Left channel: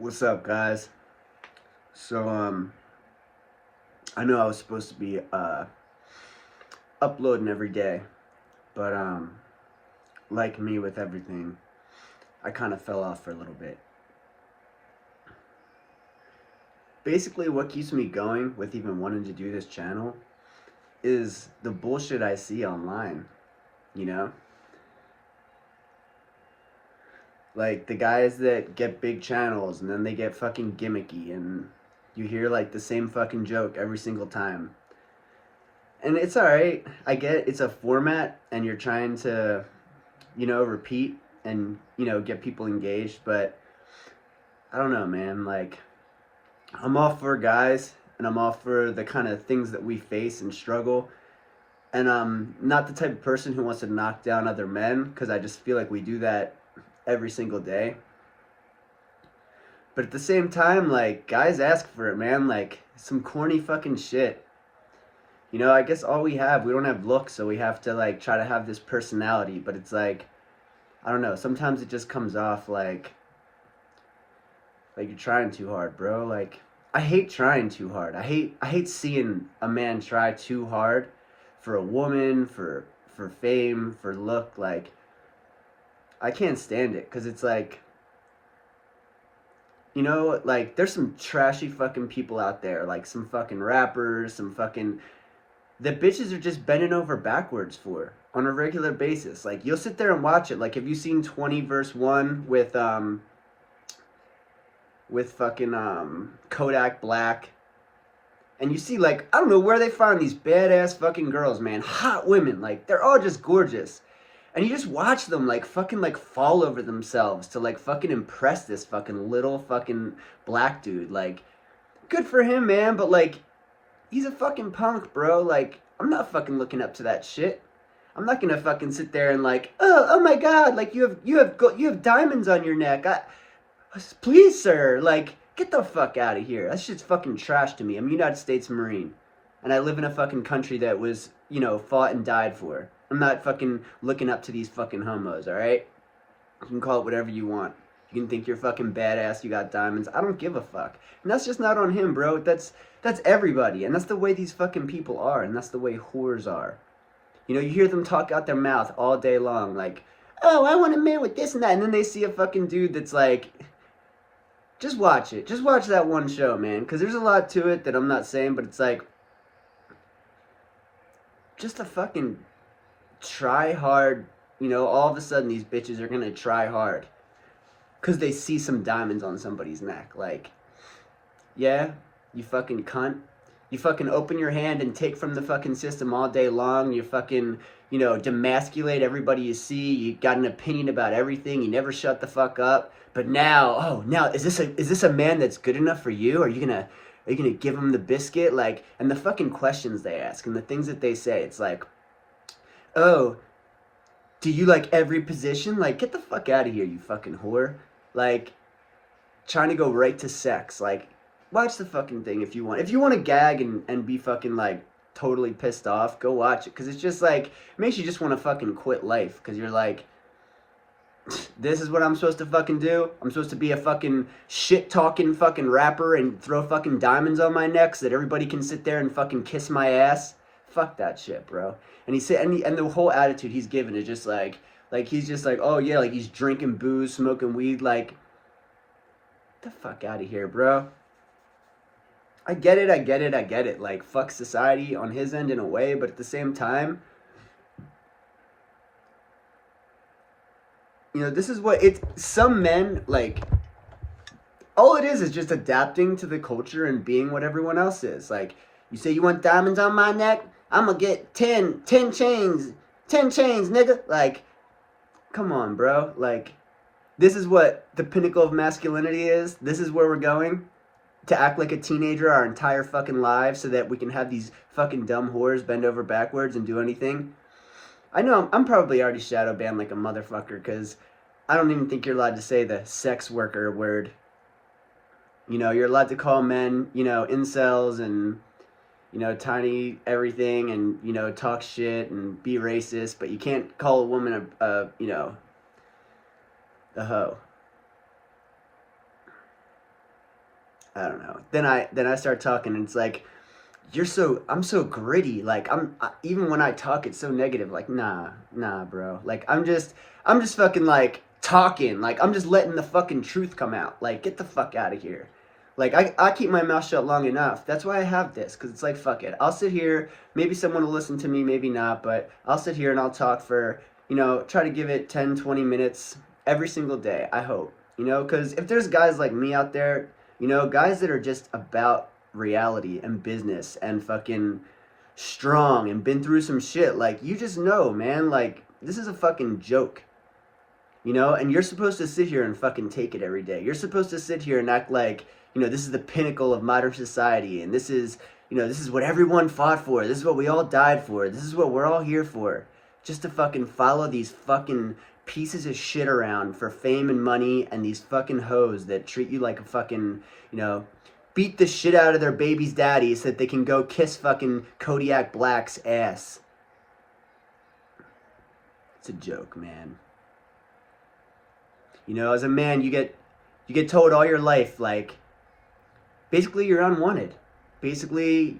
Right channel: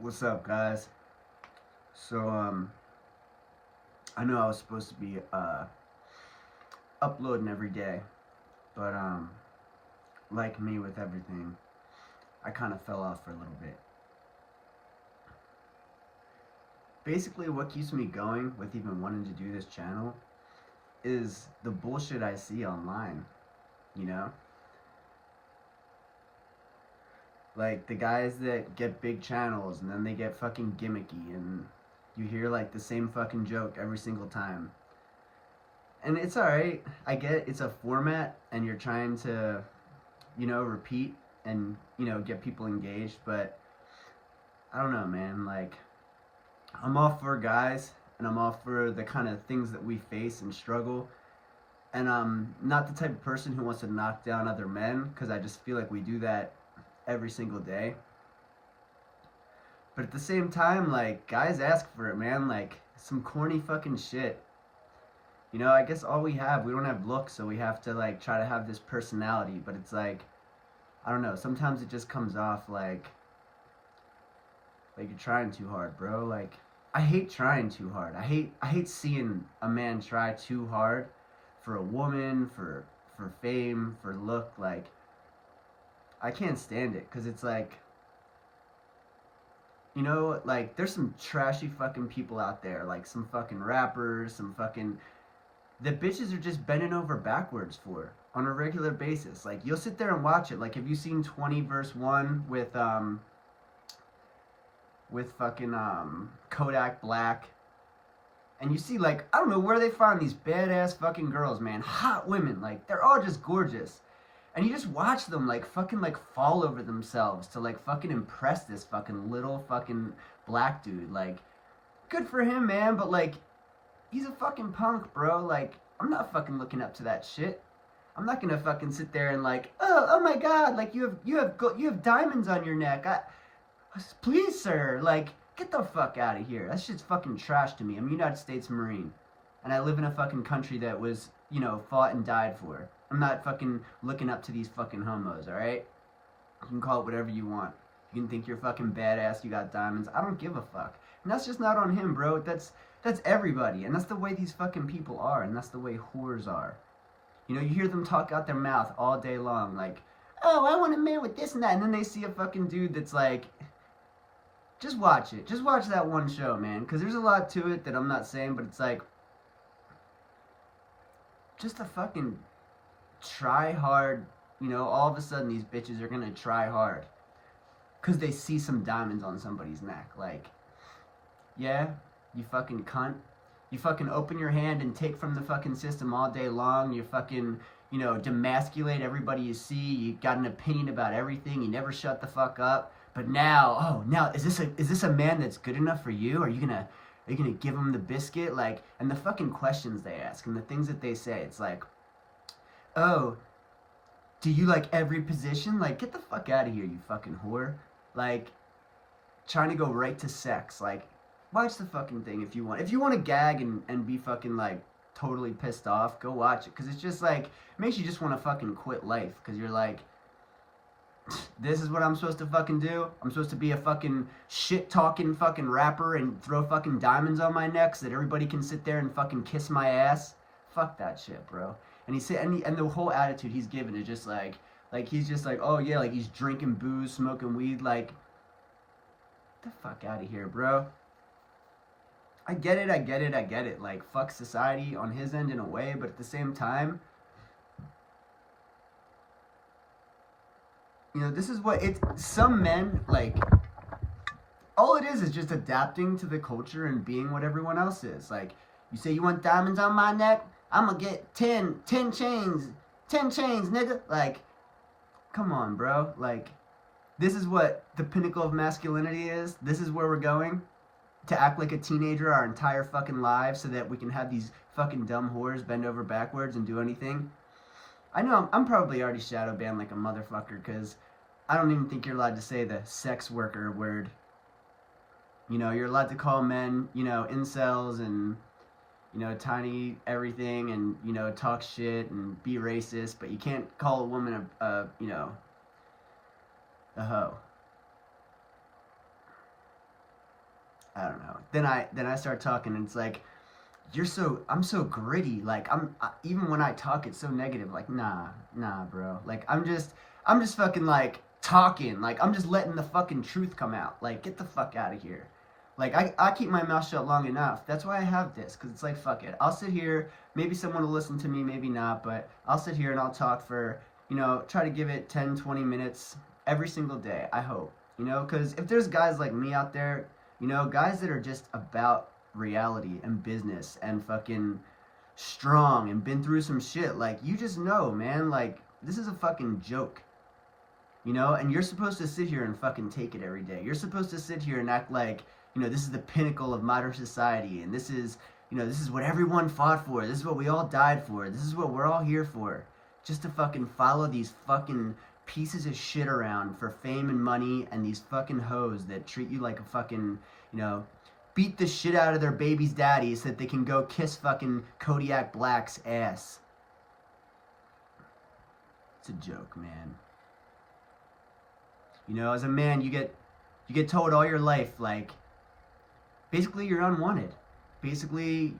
What's up, guys? So, I know I was supposed to be uploading every day, but like me with everything, I kind of fell off for a little bit. Basically, what keeps me going with even wanting to do this channel is the bullshit I see online. You know, like the guys that get big channels and then they get fucking gimmicky, and you hear like the same fucking joke every single time. And it's all right. I get it. It's a format, and you're trying to repeat and, get people engaged. But I don't know, man. Like, I'm all for guys and I'm all for the kind of things that we face and struggle. And I'm not the type of person who wants to knock down other men because I just feel like we do that every single day. But at the same time, like, guys ask for it, man. Like, some corny fucking shit. I guess all we don't have looks, so we have to, like, try to have this personality. But it's like, I don't know. Sometimes it just comes off like you're trying too hard, bro. Like, I hate trying too hard. I hate seeing a man try too hard for a woman, for fame, for look. Like, I can't stand it because it's like, like there's some trashy fucking people out there, like some fucking rappers, some fucking that bitches are just bending over backwards for on a regular basis. Like, you'll sit there and watch it. Like, have you seen 20 verse 1 with fucking Kodak Black? And you see, like, I don't know where they find these badass fucking girls, man. Hot women. Like, they're all just gorgeous. And you just watch them, like, fucking, like, fall over themselves to, like, fucking impress this fucking little fucking black dude. Like, good for him, man. But, like, he's a fucking punk, bro. Like, I'm not fucking looking up to that shit. I'm not gonna fucking sit there and like, oh my god, like you have diamonds on your neck. Please, sir, like, get the fuck out of here. That shit's fucking trash to me. I'm a United States Marine, and I live in a fucking country that was, fought and died for. I'm not fucking looking up to these fucking homos. All right, you can call it whatever you want. You can think you're fucking badass. You got diamonds. I don't give a fuck. And that's just not on him, bro. That's everybody, and that's the way these fucking people are, and that's the way whores are. You hear them talk out their mouth all day long, like, oh, I want a man with this and that, and then they see a fucking dude that's like, just watch it. Just watch that one show, man, because there's a lot to it that I'm not saying, but it's like, just a fucking try hard. All of a sudden these bitches are gonna try hard because they see some diamonds on somebody's neck. Like, yeah, you fucking cunt. You fucking open your hand and take from the fucking system all day long. You fucking, demasculate everybody you see. You got an opinion about everything. You never shut the fuck up. But now, now is this a man that's good enough for you? Are you gonna give him the biscuit? Like, and the fucking questions they ask and the things that they say. It's like, oh, do you like every position? Like, get the fuck out of here, you fucking whore. Like, trying to go right to sex. Like, watch the fucking thing if you want. If you want to gag and be fucking like totally pissed off, go watch it. Because it's just like, it makes you just want to fucking quit life. Because you're like, this is what I'm supposed to fucking do? I'm supposed to be a fucking shit talking fucking rapper and throw fucking diamonds on my neck so that everybody can sit there and fucking kiss my ass? Fuck that shit, bro. And he said, and the whole attitude he's given is just like he's just like, oh yeah, like he's drinking booze, smoking weed. Like, the fuck out of here, bro. I get it, I get it, I get it. Like, fuck society on his end in a way, but at the same time, this is what it's. Some men, like, all it is just adapting to the culture and being what everyone else is. Like, you say you want diamonds on my neck? I'm gonna get 10 chains, 10 chains, nigga. Like, come on, bro. Like, this is what the pinnacle of masculinity is. This is where we're going. To act like a teenager our entire fucking lives so that we can have these fucking dumb whores bend over backwards and do anything. I know I'm probably already shadow banned like a motherfucker because I don't even think you're allowed to say the sex worker word. You're allowed to call men, incels and, tiny everything and, talk shit and be racist, but you can't call a woman a hoe. I don't know. Then I start talking, and it's like, I'm so gritty. Like even when I talk, it's so negative. Like nah, bro. Like I'm just fucking like talking. Like I'm just letting the fucking truth come out. Like get the fuck out of here. Like I keep my mouth shut long enough. That's why I have this, because it's like, fuck it. I'll sit here. Maybe someone will listen to me, maybe not, but I'll sit here and I'll talk for, try to give it 10, 20 minutes every single day, I hope. Because if there's guys like me out there, guys that are just about reality and business and fucking strong and been through some shit, like, you just know, man, like, this is a fucking joke. And you're supposed to sit here and fucking take it every day. You're supposed to sit here and act like, this is the pinnacle of modern society, and this is what everyone fought for. This is what we all died for. This is what we're all here for. Just to fucking follow these fucking pieces of shit around for fame and money, and these fucking hoes that treat you like a fucking, beat the shit out of their baby's daddy so that they can go kiss fucking Kodiak Black's ass. It's a joke, man. As a man, you get told all your life, like, basically you're unwanted. Basically,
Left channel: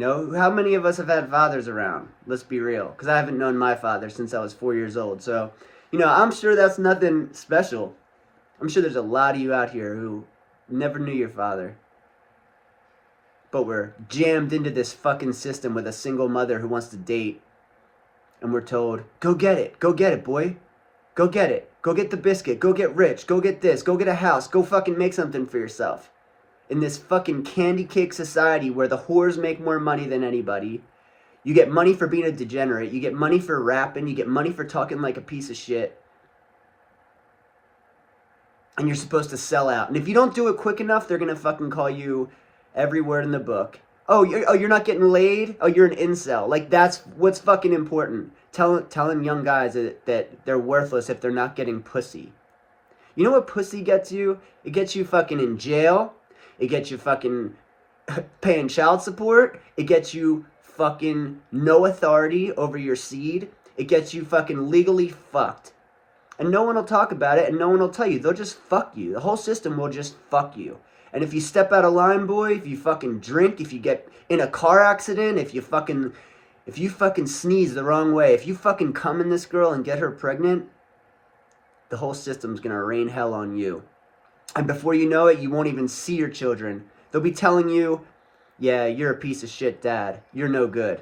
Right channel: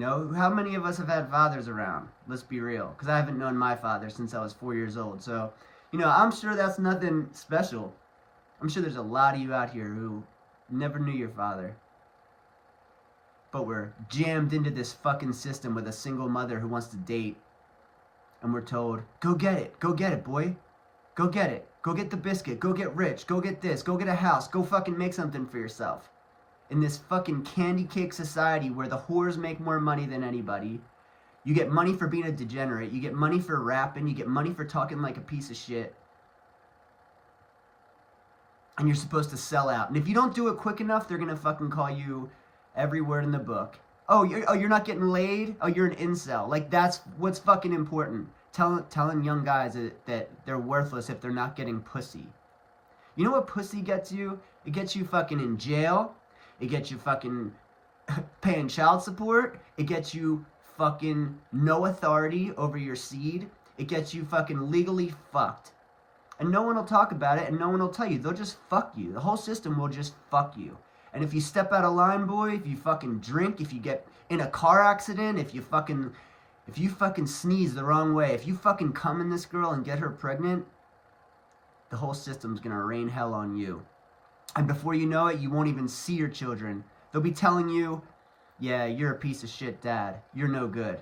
how many of us have had fathers around? Let's be real. Because I haven't known my father since I was 4 years old. So, I'm sure that's nothing special. I'm sure there's a lot of you out here who never knew your father. But we're jammed into this fucking system with a single mother who wants to date. And we're told, go get it. Go get it, boy. Go get it. Go get the biscuit. Go get rich. Go get this. Go get a house. Go fucking make something for yourself. In this fucking candy cake society where the whores make more money than anybody. You get money for being a degenerate. You get money for rapping. You get money for talking like a piece of shit. And you're supposed to sell out. And if you don't do it quick enough, they're going to fucking call you every word in the book. Oh, you're not getting laid? Oh, you're an incel. Like, that's what's fucking important. Telling young guys that they're worthless if they're not getting pussy. You know what pussy gets you? It gets you fucking in jail. It gets you fucking paying child support. It gets you fucking no authority over your seed. It gets you fucking legally fucked. And no one will talk about it, and no one will tell you. They'll just fuck you. The whole system will just fuck you. And if you step out of line, boy, if you fucking drink, if you get in a car accident, if you fucking sneeze the wrong way, if you fucking come in this girl and get her pregnant, the whole system's gonna rain hell on you. And before you know it, you won't even see your children. They'll be telling you, yeah, you're a piece of shit dad. You're no good.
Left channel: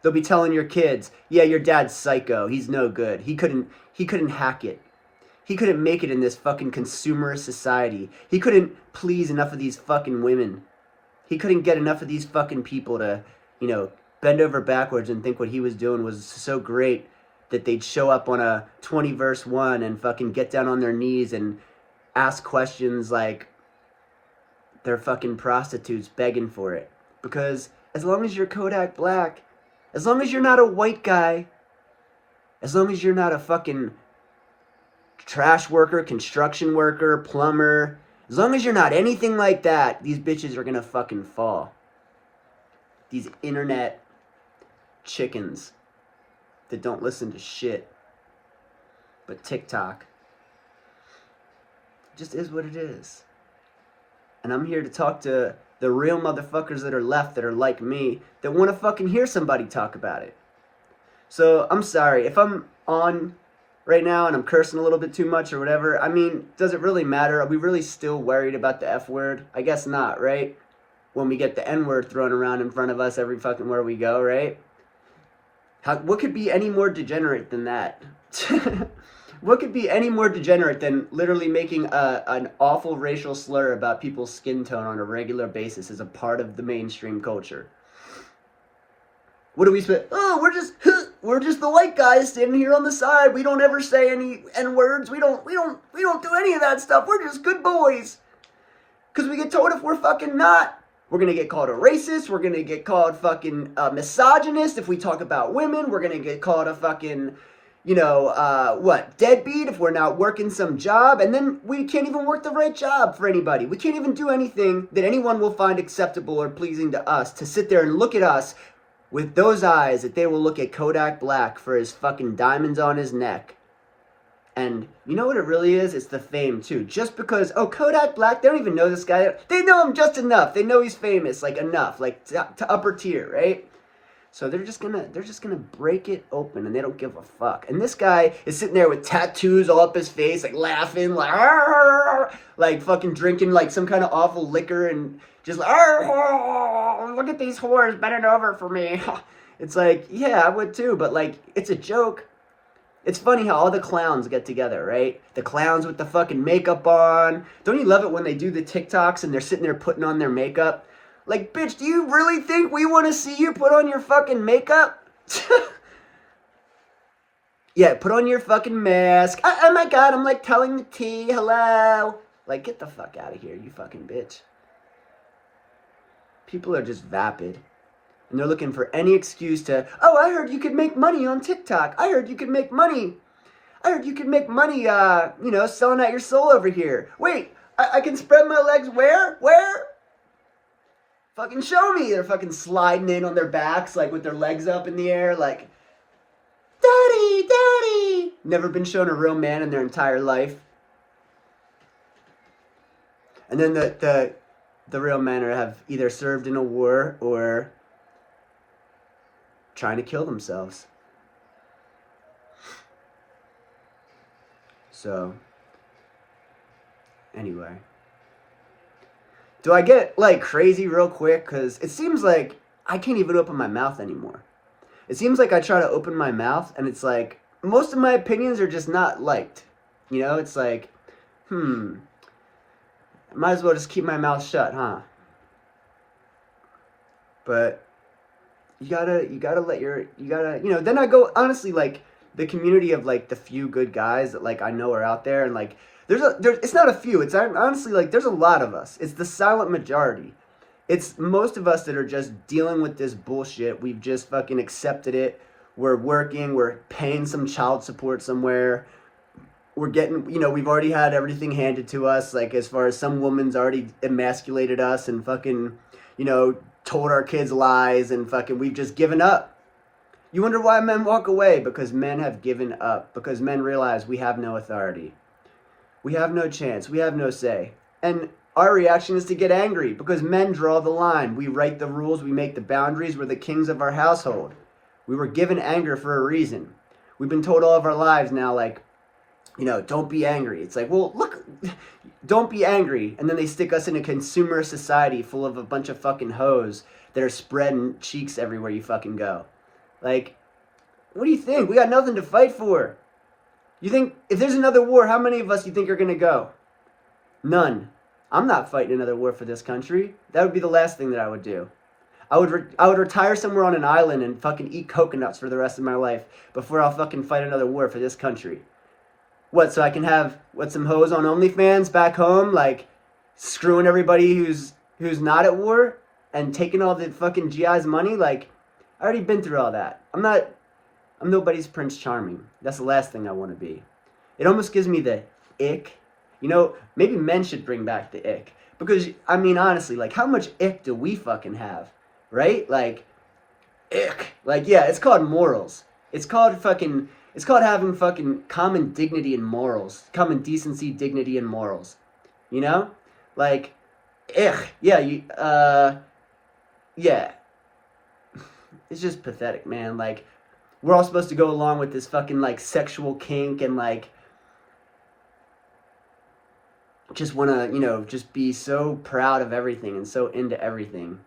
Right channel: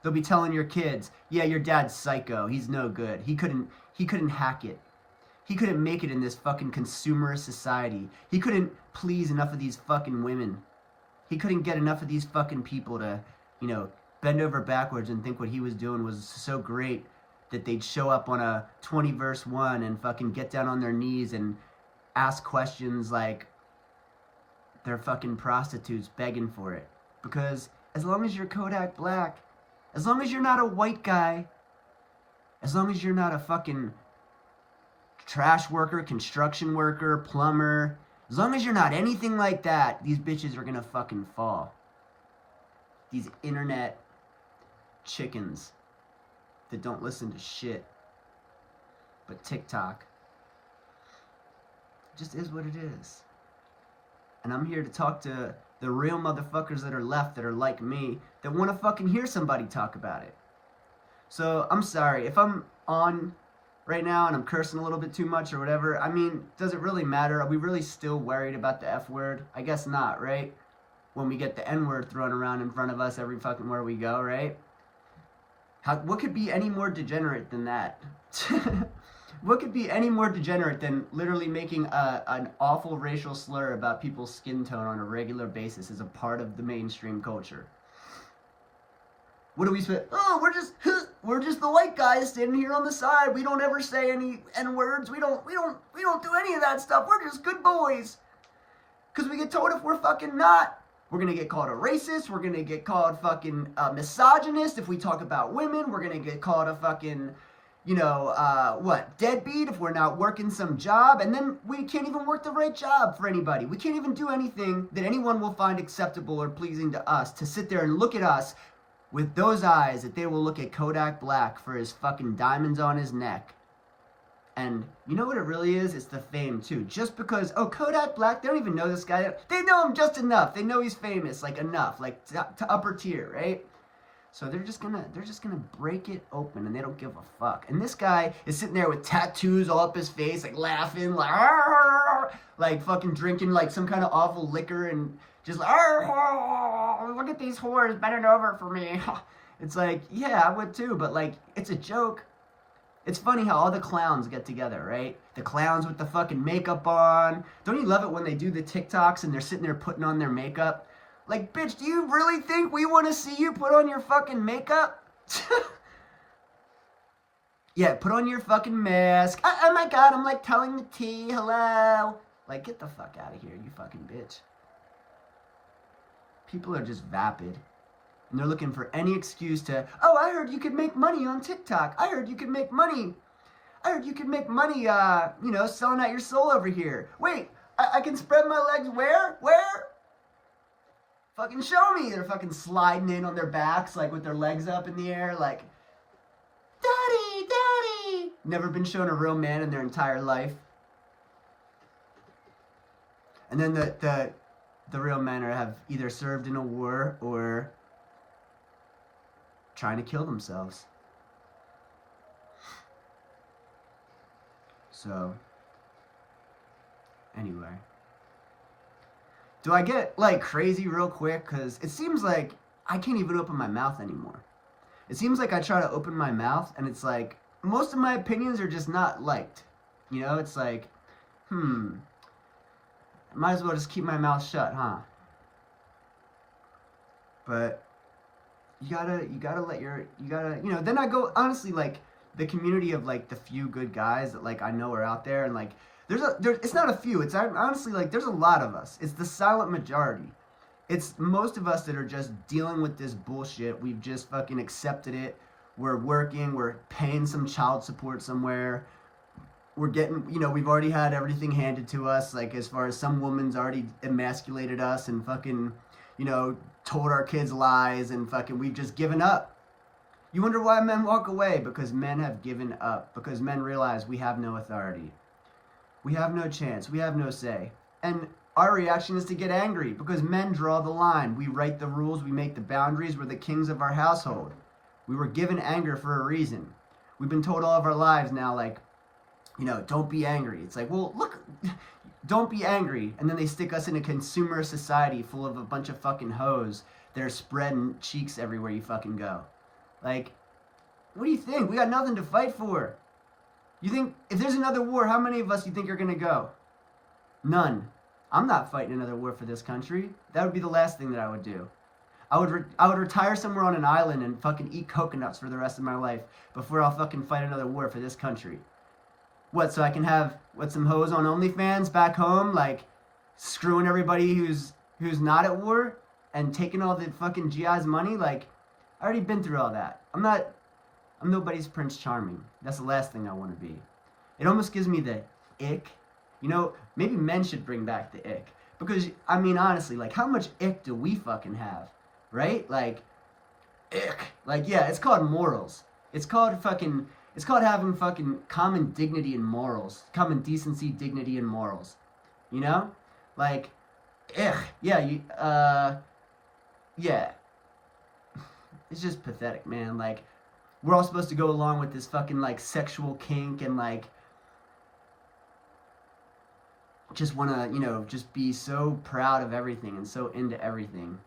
They'll be telling your kids, yeah, your dad's psycho. He's no good. He couldn't hack it. He couldn't make it in this fucking consumerist society. He couldn't please enough of these fucking women. He couldn't get enough of these fucking people to, bend over backwards and think what he was doing was so great that they'd show up on a 20 verse 1 and fucking get down on their knees and ask questions like they're fucking prostitutes begging for it. Because as long as you're Kodak Black, as long as you're not a white guy, as long as you're not a fucking trash worker, construction worker, plumber, as long as you're not anything like that, these bitches are gonna fucking fall. These internet chickens that don't listen to shit. But TikTok just is what it is. And I'm here to talk to the real motherfuckers that are left that are like me, that want to fucking hear somebody talk about it. So I'm sorry if I'm on right now and I'm cursing a little bit too much or whatever. I mean, does it really matter? Are we really still worried about the F word? I guess not, right? When we get the N word thrown around in front of us every fucking where we go, right? What could be any more degenerate than that? What could be any more degenerate than literally making an awful racial slur about people's skin tone on a regular basis as a part of the mainstream culture? What do we say? Oh, we're just the white guys standing here on the side. We don't ever say any N-words. We don't do any of that stuff. We're just good boys. Cause we get told if we're fucking not, we're gonna get called a racist. We're gonna get called fucking misogynist. If we talk about women, we're gonna get called a fucking, deadbeat if we're not working some job. And then we can't even work the right job for anybody. We can't even do anything that anyone will find acceptable or pleasing to us, to sit there and look at us with those eyes that they will look at Kodak Black for his fucking diamonds on his neck And you know what it really is? It's the fame too. Just because, oh, Kodak Black, they don't even know this guy. They know him just enough. They know he's famous, like enough, like to upper tier, right? So they're just gonna break it open, and they don't give a fuck. And this guy is sitting there with tattoos all up his face, like laughing, like "Arr!" Like fucking drinking like some kind of awful liquor, and just like "Arr! Look at these whores bending over for me." It's like, yeah, I would too, but like it's a joke. It's funny how all the clowns get together, right? The clowns with the fucking makeup on. Don't you love it when they do the TikToks and they're sitting there putting on their makeup? Like, bitch, do you really think we want to see you put on your fucking makeup? Yeah, put on your fucking mask. Oh my god, I'm like telling the tea. Hello. Like, get the fuck out of here, you fucking bitch. People are just vapid. And they're looking for any excuse to, oh, I heard you could make money on TikTok. I heard you could make money. I heard you could make money, selling out your soul over here. Wait, I can spread my legs where? Where? Fucking show me. They're fucking sliding in on their backs, like with their legs up in the air, like, Daddy, Daddy. Never been shown a real man in their entire life. And then the real men have either served in a war or trying to kill themselves. So, anyway. Do I get, like, crazy real quick? Because it seems like I can't even open my mouth anymore. It seems like I try to open my mouth, and it's like, most of my opinions are just not liked. You know, it's like, might as well just keep my mouth shut, huh? But you gotta let then I go, honestly, like, the community of, like, the few good guys that, like, I know are out there, and, like, it's not a few, it's honestly, like, there's a lot of us. It's the silent majority. It's most of us that are just dealing with this bullshit. We've just fucking accepted it. We're working, we're paying some child support somewhere. We're getting, we've already had everything handed to us, like, as far as some woman's already emasculated us and fucking, told our kids lies, and fucking we've just given up. You wonder why men walk away? Because men have given up. Because men realize we have no authority. We have no chance. We have no say. And our reaction is to get angry because men draw the line. We write the rules. We make the boundaries. We're the kings of our household. We were given anger for a reason. We've been told all of our lives now, like, don't be angry. It's like, well, look, don't be angry. And then they stick us in a consumer society full of a bunch of fucking hoes that are spreading cheeks everywhere you fucking go. Like, what do you think? We got nothing to fight for. You think, if there's another war, how many of us do you think are going to go? None. I'm not fighting another war for this country. That would be the last thing that I would do. I would retire somewhere on an island and fucking eat coconuts for the rest of my life before I'll fucking fight another war for this country. What, so I can have, some hoes on OnlyFans back home, like, screwing everybody who's not at war and taking all the fucking GI's money? Like, I already been through all that. I'm nobody's Prince Charming. That's the last thing I want to be. It almost gives me the ick. Maybe men should bring back the ick. Because, I mean, honestly, like, how much ick do we fucking have? Right? Like, ick. Like, yeah, it's called morals. It's called having fucking common dignity and morals. Common decency, dignity, and morals. Like, ick. Yeah, yeah. It's just pathetic, man. Like, we're all supposed to go along with this fucking, like, sexual kink and, like, just want to, just be so proud of everything and so into everything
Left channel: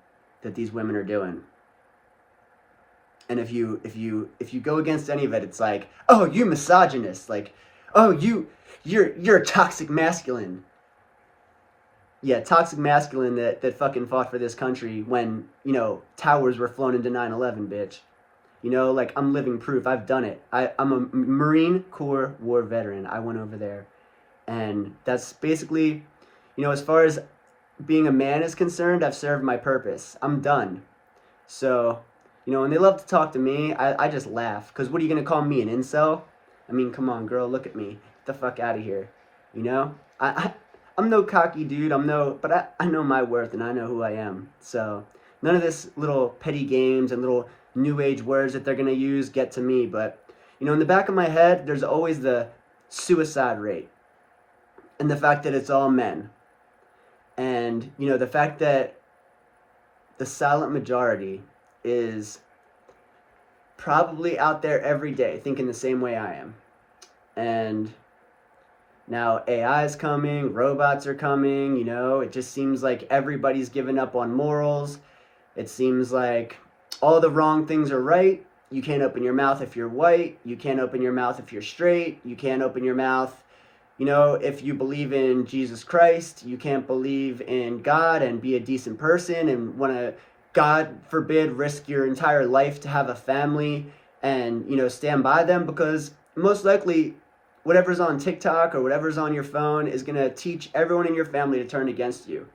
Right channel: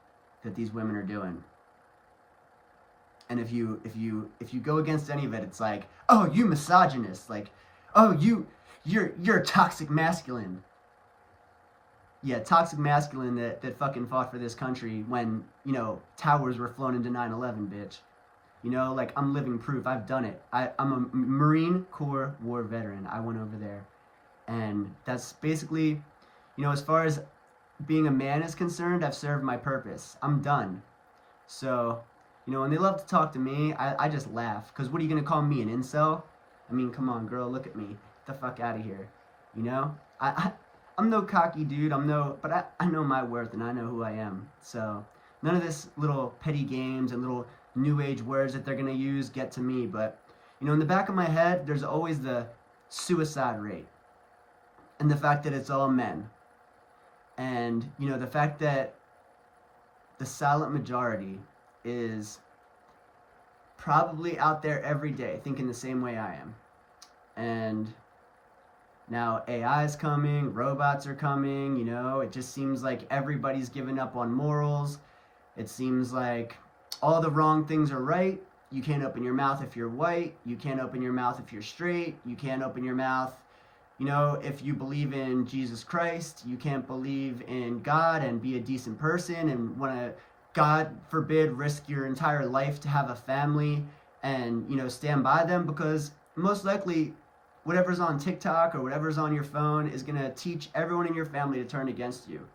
that these women are doing. And if you go against any of it, it's like, oh, you misogynist. Like, oh, you're a toxic masculine. Yeah, toxic masculine that fucking fought for this country when, towers were flown into 9/11, bitch. Like, I'm living proof. I've done it. I'm a Marine Corps war veteran. I went over there. And that's basically, as far as being a man is concerned, I've served my purpose. I'm done. So, when they love to talk to me, I just laugh. Because what are you going to call me, an incel? I mean, come on, girl, look at me. Get the fuck out of here. I'm no cocky dude. But I know my worth and I know who I am. So, none of this little petty games and little new age words that they're going to use get to me. But, in the back of my head, there's always the suicide rate, and the fact that it's all men, and the fact that the silent majority is probably out there every day thinking the same way I am. And now AI is coming, robots are coming, it just seems like everybody's given up on morals. It seems like all the wrong things are right. You can't open your mouth if you're white. You can't open your mouth if you're straight. You can't open your mouth, if you believe in Jesus Christ. You can't believe in God and be a decent person and want to, God forbid, risk your entire life to have a family and, stand by them, because most likely whatever's on TikTok or whatever's on your phone is going to teach everyone in your family to turn against you.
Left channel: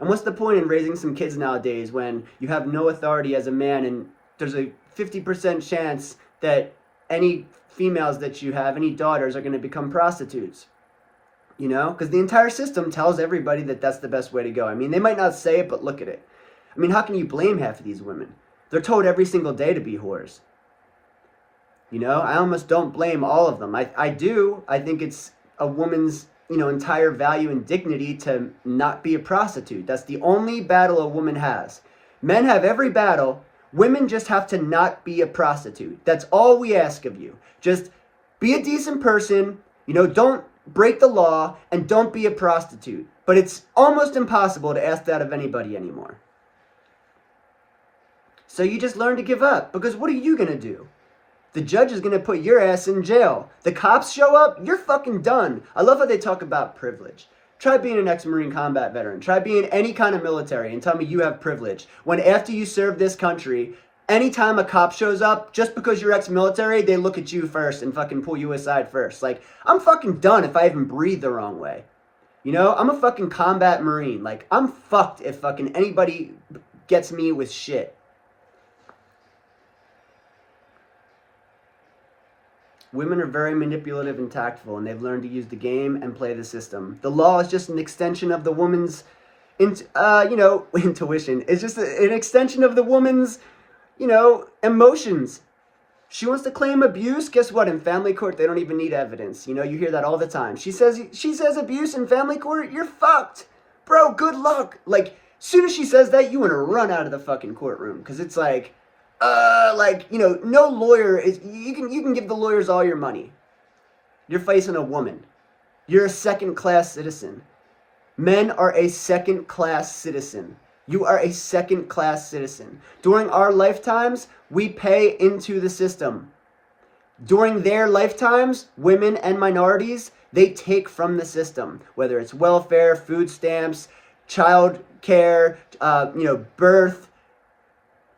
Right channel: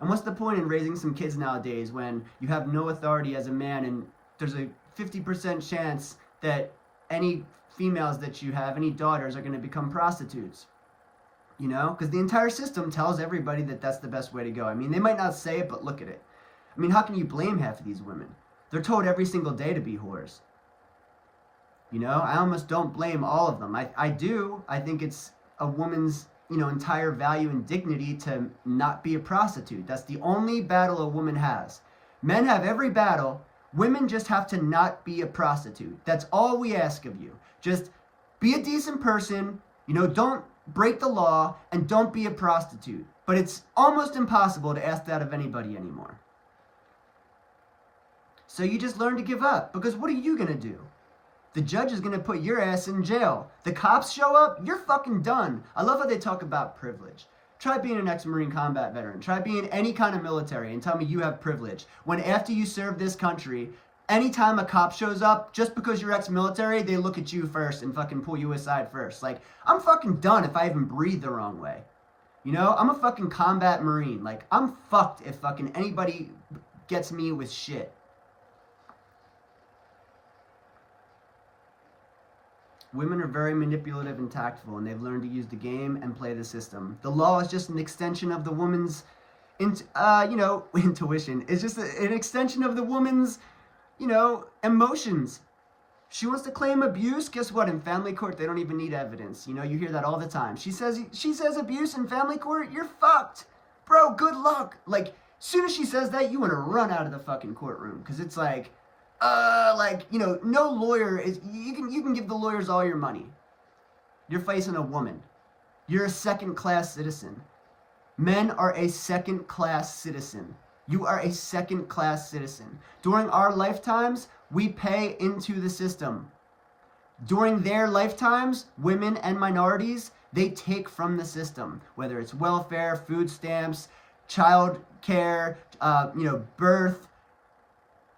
And what's the point in raising some kids nowadays when you have no authority as a man, and there's a 50% chance that any females that you have, any daughters, are going to become prostitutes? Because the entire system tells everybody that that's the best way to go. I mean, they might not say it, but look at it. I mean, how can you blame half of these women? They're told every single day to be whores. I almost don't blame all of them. I do. I think it's a woman's, entire value and dignity to not be a prostitute. That's the only battle a woman has. Men have every battle. Women just have to not be a prostitute. That's all we ask of you. Just be a decent person, don't break the law, and don't be a prostitute. But it's almost impossible to ask that of anybody anymore. So you just learn to give up, because what are you going to do? The judge is going to put your ass in jail. The cops show up, you're fucking done. I love how they talk about privilege. Try being an ex-Marine combat veteran. Try being any kind of military and tell me you have privilege. When after you serve this country, anytime a cop shows up, just because you're ex-military, they look at you first and fucking pull you aside first. Like, I'm fucking done if I even breathe the wrong way. I'm a fucking combat Marine. Like, I'm fucked if fucking anybody gets me with shit. Women are very manipulative and tactful, and they've learned to use the game and play the system. The law is just an extension of the woman's, intuition. It's just an extension of the woman's, emotions. She wants to claim abuse. Guess what? In family court, they don't even need evidence. You hear that all the time. She says abuse in family court, you're fucked. Bro, good luck. Like, soon as she says that, you want to run out of the fucking courtroom, because it's like, no lawyer is, you can give the lawyers all your money. You're facing a woman. You're a second-class citizen. Men are a second-class citizen. You are a second-class citizen. During our lifetimes, we pay into the system. During their lifetimes, women and minorities, they take from the system, whether it's welfare, food stamps, child care, birth,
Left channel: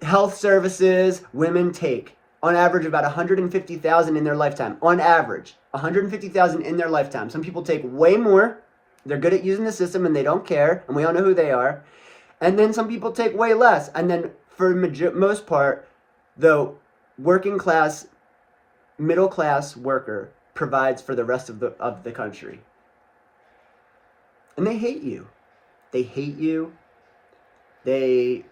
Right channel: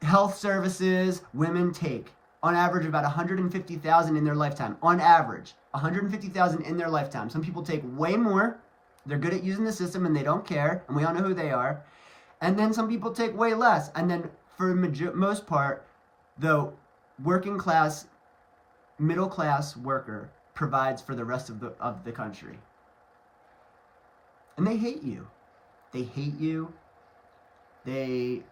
health services. Women take, on average, about $150,000 in their lifetime. On average, $150,000 in their lifetime. Some people take way more. They're good at using the system and they don't care, and we all know who they are. And then some people take way less. And then for most part, the working class, middle class worker provides for the rest of the country. And they hate you. They hate you. They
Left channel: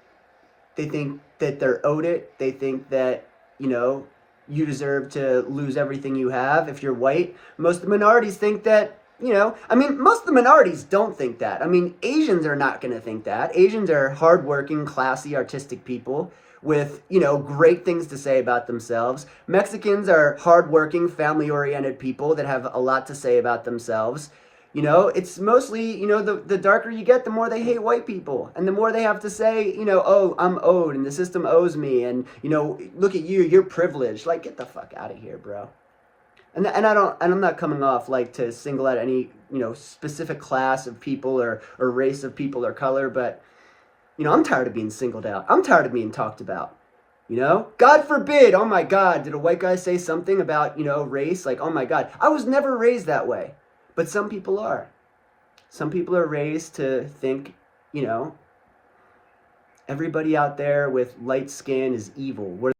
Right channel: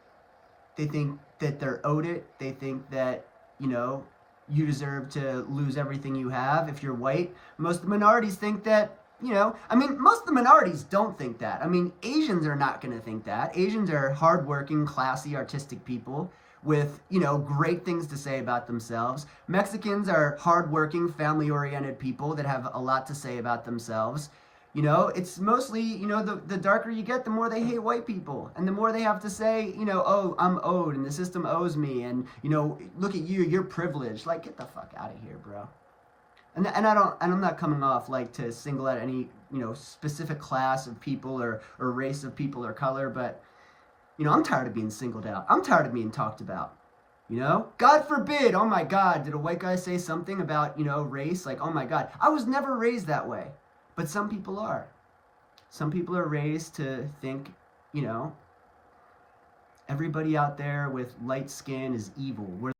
think that they're owed it. They think that, you deserve to lose everything you have if you're white. Most of the minorities think that, most of the minorities don't think that. Asians are not going to think that. Asians are hardworking, classy, artistic people with, great things to say about themselves. Mexicans are hardworking, family-oriented people that have a lot to say about themselves. It's mostly, the darker you get, the more they hate white people. And the more they have to say, oh, I'm owed and the system owes me. And, look at you, you're privileged. Like, get the fuck out of here, bro. And I'm not coming off like to single out any, specific class of people or race of people or color. But, I'm tired of being singled out. I'm tired of being talked about. God forbid, oh my God, did a white guy say something about, race? Like, oh my God, I was never raised that way. But some people are. Some people are raised to think, everybody out there with light skin is evil.